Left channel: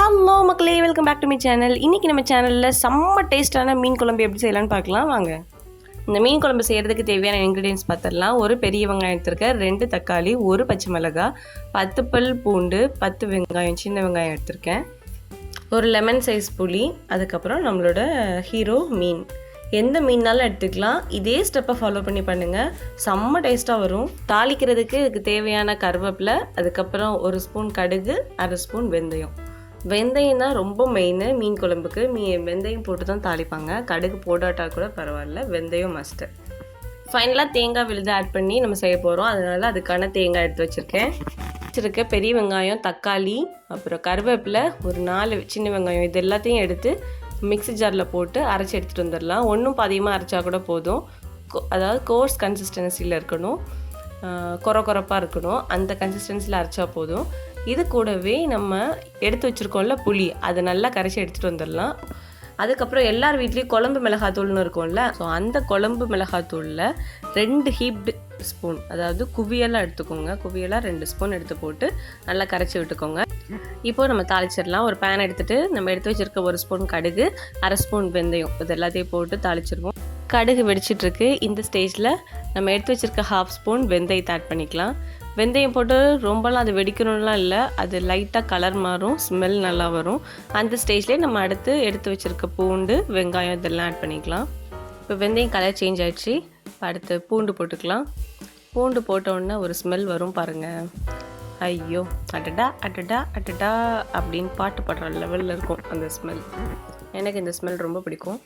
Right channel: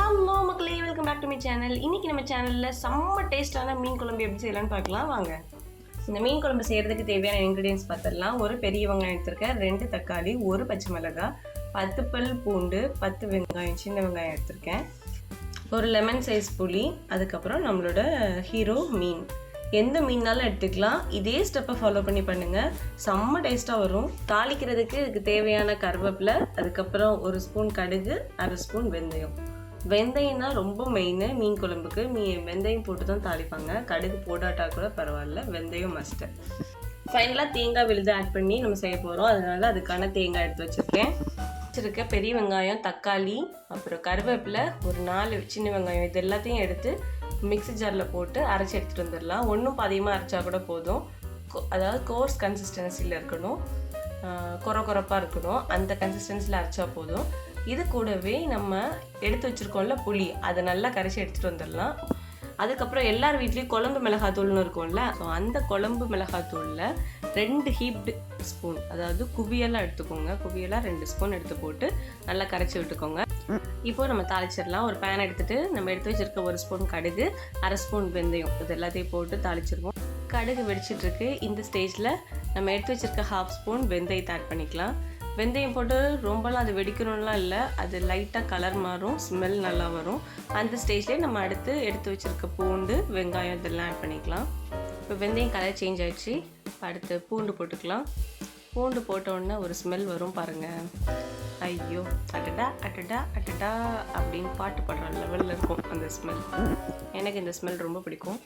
Hello மக்களே, welcome back to my channel. இன்றைக்கி நம்ம சேனலில் செம்ம டேஸ்ட்டான மீன் குழம்பு எப்படி செய்யலான்னு பார்க்கலாம் வாங்க. இந்த மீன் குழம்பு செய்கிறதுக்கு தேவையான இன்க்ரீடியன்ஸ் பார்த்துடலாம். ஒரு பெரிய வெங்காயம் எடுத்திருக்கேன், 2 தக்காளி, 1 பச்சை மிளகாய், 10 பல் பூண்டு, 10 வெங்காயம், சின்ன வெங்காயம் எடுத்திருக்கேன், ஒரு லெமன் சைஸ் புளி, அதுக்கப்புறம் நம்மளோட ஹீரோ மீன். எந்த மீன்னாலும் எடுத்துக்கலாம். இதே ஸ்டெப்பை ஃபாலோ பண்ணி பண்ணுங்கள், செம்ம டேஸ்ட்டாக வரும். தாளிக்கிறதுக்கு இதுக்கு தேவையான கருவேப்பிலை, அதுக்கப்புறம் 1 ஸ்பூன் கடுகு, 1/2 ஸ்பூன் வெந்தயம். வெந்தயம் தான் ரொம்ப மெயின் மீன் குழம்புக்கு. வெந்தயம் போட்டு தான் தாளிப்பாங்க, கடுகு போடாட்டா கூட பரவாயில்ல, வெந்தயம் மஸ்ட்டு. ஃபைனலாக தேங்காய் விழுது ஆட் பண்ணி நம்ம செய்ய போகிறோம், அதனால் அதுக்கான தேங்காய் எடுத்து வச்சுருக்க பெரிய வெங்காயம், தக்காளி, அப்புறம் கருவேப்பிலை, ஒரு 4 சின்ன வெங்காயம், இது எல்லாத்தையும் எடுத்து மிக்ஸி ஜாரில் போட்டு அரைச்சி எடுத்துகிட்டு வந்துடலாம். ஒன்றும் பாதியமாக அரைச்சா கூட போதும். அதாவது கோர்ஸ் கன்சிஸ்டன்சியில் இருக்கணும், கொரப்பாக இருக்கணும், அந்த கன்சிஸ்டன்சியில் அரைச்சா போதும். இது கூடவே நம்ம எடுத்து வச்சுருக்கோம்ல புளி, அதை நல்லா கரைச்சி எடுத்துகிட்டு வந்துடலாம். அதுக்கப்புறம் எல்லார் வீட்லேயும் குழம்பு மிளகாத்தூள்னு இருக்கும்ல, ஸோ அந்த குழம்பு மிளகாத்தூளில் 2 ஹீப்டு ஸ்பூன், அதாவது குவியெல்லாம் எடுத்துக்கோங்க, குவியெல்லாம் 2 ஸ்பூன் எடுத்து போட்டு நல்லா கரைச்சி விட்டுக்கோங்க. இப்போது நம்ம தாளிச்சிடலாம். ஒரு பேன் எடுத்துகிட்டு நம்ம எடுத்து வச்சுருக்க 1 ஸ்பூன் கடுகு, 1/2 ஸ்பூன் வெந்தயம், இது எல்லாத்தையும் போட்டு தாளிச்சிருவோம். கடுகு வெடிச்சிட்ருக்கு. இந்த ஸ்டேஜில் நம்ம எடுத்து வச்சுருக்க 1/2 ஸ்பூன் வெந்தயத்தை ஆட் பண்ணிக்கலாம். வெந்தயம் போட்டு ரொம்பலாம் அது வெடிக்கணும்லாம் இல்லை, அது லைட்டாக கலர் மாறும், ஸ்மெல் நல்லா வரும். அந்த ஸ்டேஜ்லேயே நம்ம எடுத்து வச்சுருக்க பூண்டு, வெங்காயம் இதெல்லாம் ஆட் பண்ணிக்கலாம். இப்போ வெந்தயம் கலர் சேஞ்ச் ஆகிடுச்சு. அடுத்து பூண்டு போட்டுக்கலாம். பூண்டு போட்டோன்னே ஒரு ஸ்மெல் வரும் பாருங்கள், ஐயோ அடடா அடடா அடடா அப்படின்னு பாட்டு பாடுற லெவலில் இருக்கும் அந்த ஸ்மெல். எனக்கு இந்த ஸ்மெல் ரொம்ப பிடிக்கும்.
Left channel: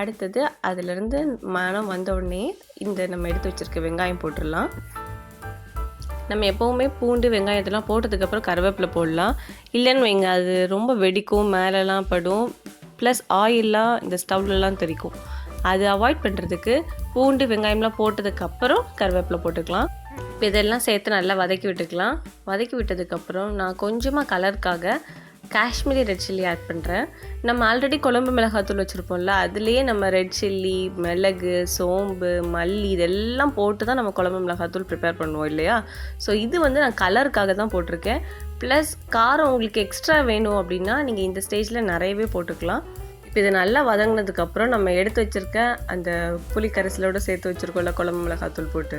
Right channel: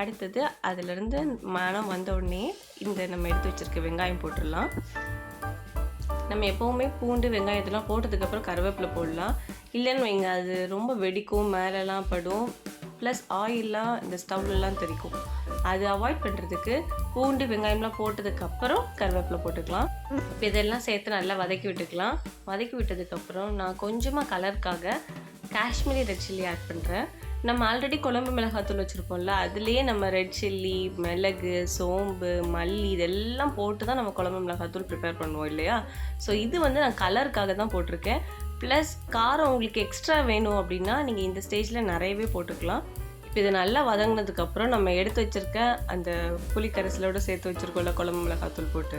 அடுத்தது அதிலேருந்து மனம் வந்தோடனே இந்த நம்ம எடுத்து வச்சுருக்க வெங்காயம் போட்டுடலாம். நம்ம எப்போவுமே பூண்டு வெங்காயத்தெல்லாம் போட்டதுக்கப்புறம் கருவேப்பிலை போடலாம், இல்லைன்னு வைங்க அது ரொம்ப வெடிக்கும், மேலெலாம் படும், ப்ளஸ் ஆயிலெலாம் இந்த ஸ்டவ்லலாம் தெரிக்கும். அது அவாய்ட் பண்ணுறதுக்கு பூண்டு வெங்காயம்லாம் போட்டதுக்கப்புறம் கருவேப்பிலை போட்டுக்கலாம். இப்போ இதெல்லாம் சேர்த்து நல்லா வதக்கி விட்டுக்கலாம். வதக்கி விட்டதுக்கப்புறம் நான் கொஞ்சமாக கலருக்காக காஷ்மீரி ரெட் சில்லி ஆட் பண்ணுறேன். நம்ம ஆல்ரெடி குழம்பு மிளகாத்தூள் வச்சுருப்போம்ல, அதுலேயே நம்ம ரெட் சில்லி, மிளகு, சோம்பு, மல்லி இதெல்லாம் போட்டு தான் நம்ம குழம்பு மிளகாத்தூள் ப்ரிப்பேர் பண்ணுவோம் இல்லையா. ஸோ இது நான் கலருக்காக தான் போட்டிருக்கேன். ப்ளஸ் காரம் உங்களுக்கு எக்ஸ்ட்ரா வேணும் அப்படின்னா நீங்கள் இந்த ஸ்டேஜில் நிறையவே போட்டுக்கலாம். இப்போ இது நல்லா வதங்கினதுக்கப்புறம் நம்ம எடுத்து வச்சுருக்க அந்த புளி கரைசலோடு சேர்த்து வச்சுருக்கோம்ல குழம்பு மிளகாத்தூள் போட்டு,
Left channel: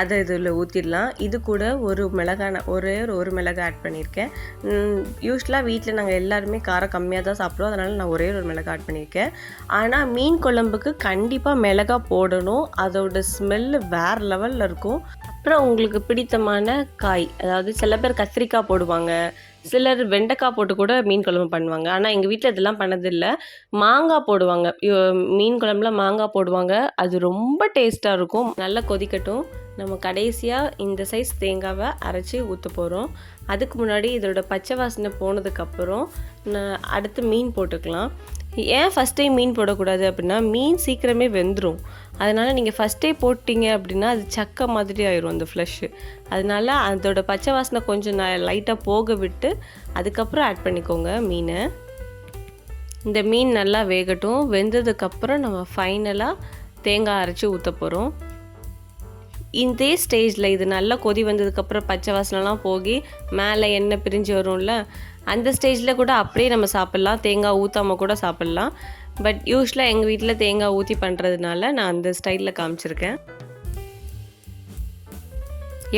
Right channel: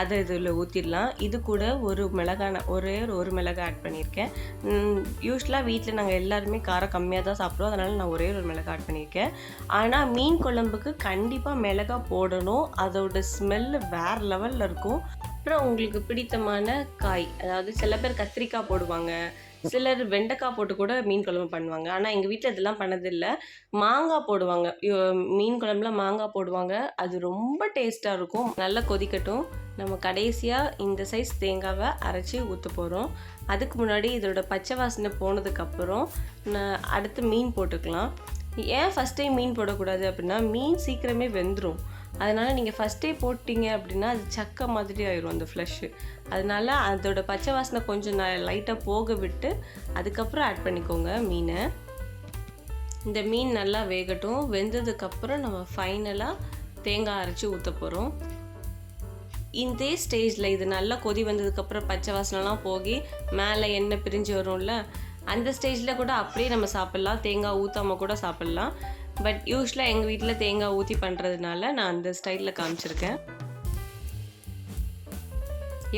அதை இதில் ஊற்றிடலாம். இது கூட ஒரு மிளகாய் ஆட் பண்ணியிருக்கேன். யூஸ்வலாக வீட்டில் நாங்கள் எல்லாருமே காரம் கம்மியாக தான் சாப்பிடுவோம், அதனால் நான் ஒரு மிளகாய் ஆட் பண்ணியிருக்கேன். ஆனால் மீன் குழம்புக்கு கண்டிப்பாக மிளகாய் போடணும், அதோட ஸ்மெல்லு வேறு லெவலில் இருக்கும். அப்புறம் உங்களுக்கு பிடித்தமான காய், அதாவது சில பேர் கத்திரிக்காய் போடுவாங்க, சிலர் வெண்டைக்காய் போட்டு கூட மீன் குழம்பு பண்ணுவாங்க. ஆனால் எங்கள் வீட்டில் இதெல்லாம் பண்ணதில்லை. மாங்காய் போடுவாங்க, மீன் குழம்புல மாங்காய் போடுவாங்க, அது ரொம்ப டேஸ்ட்டாக இருக்கும். நல்லா கொதிக்கட்டும். நம்ம கடைசியாக இந்த சைஸ் தேங்காவை அரைச்சி ஊற்ற போகிறோம். அதுக்கு முன்னாடி இதோட பச்சை வாசனை போனதுக்கப்புறம் அடுத்து மீன் போட்டுக்கலாம். ஏன் ஃபஸ்ட் டைம் மீன் போடக்கூடாது அப்படின்னா, மீன் சீக்கிரமே வெந்துடும். அதனால் நீங்கள் ஃபஸ்ட்டே போட்டிங்க அப்படின்னா அது சக்கை மாதிரி ஆயிரும் அந்த ஃப்ளஷ்ஷு. அதனால் அதோட பச்சை வாசனை கொஞ்சம் லைட்டாக போக விட்டு அதுக்கப்புறம் ஆட் பண்ணிக்கோங்க மீனை. இந்த மீன் நல்லா வேகட்டும். வெந்ததுக்கப்புறம் நம்ம ஃபைனலாக தேங்காய் அரைச்சி ஊற்ற போகிறோம். இந்த ஸ்டேஜில் இது நல்லா கொதி வந்ததுக்கப்புறம் பச்சை வாசனைலாம் போகி மேலே எண்ணெய் பிரிஞ்சு வரும்ல, அந்த ஸ்டேஜில் கூட அப்படியே நம்ம சாப்பிட்லாம், தேங்காய் ஊற்றாமல் கூட சாப்பிட்லாம். பட் யூஸ்வலாக எங்கள் வீட்டில் தேங்காய் ஊற்றி பண்ணுறதுனால நான் அந்த ஸ்டைலில் காமிச்சிருக்கேன்.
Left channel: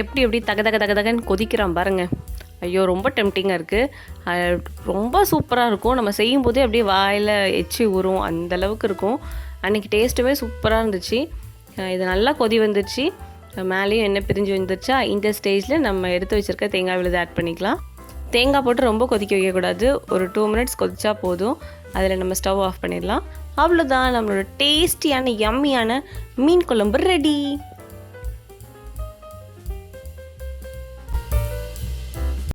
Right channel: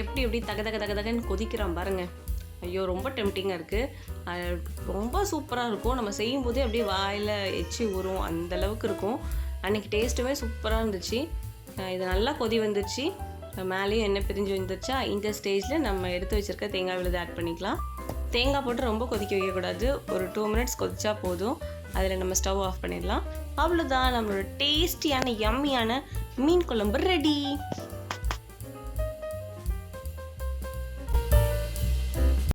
எப்படி தகன்னு கொதிக்கிறான் பாருங்கள், ஐயோ ரொம்ப டெம்டிங்காக இருக்குது. ரொம்ப சூப்பராக இருக்கும். நம்ம செய்யும்போதே அப்படியே வாயில் எச்சி ஊறும், அந்தளவுக்கு இருக்கும். அன்றைக்கி டேஸ்ட்டுமே சூப்பராக இருந்துச்சு. இது நல்லா கொதி வந்துருச்சு, மேலேயும் எண்ணெய் பிரிஞ்சு வந்துருச்சா. இந்த ஸ்டேஜில் நம்ம எடுத்து வச்சுருக்க தேங்காய் விழுது ஆட் பண்ணிக்கலாம். தேங்காய் போட்டு ரொம்ப கொதிக்க வைக்கக்கூடாது, ஒரு 2 மினிட்ஸ் கொதிச்சா போதும். அதில் நம்ம ஸ்டவ் ஆஃப் பண்ணிடலாம். அவ்வளோதான், நம்மளோட டேஸ்டியான யம்மியான மீன் குழம்பு ரெடி.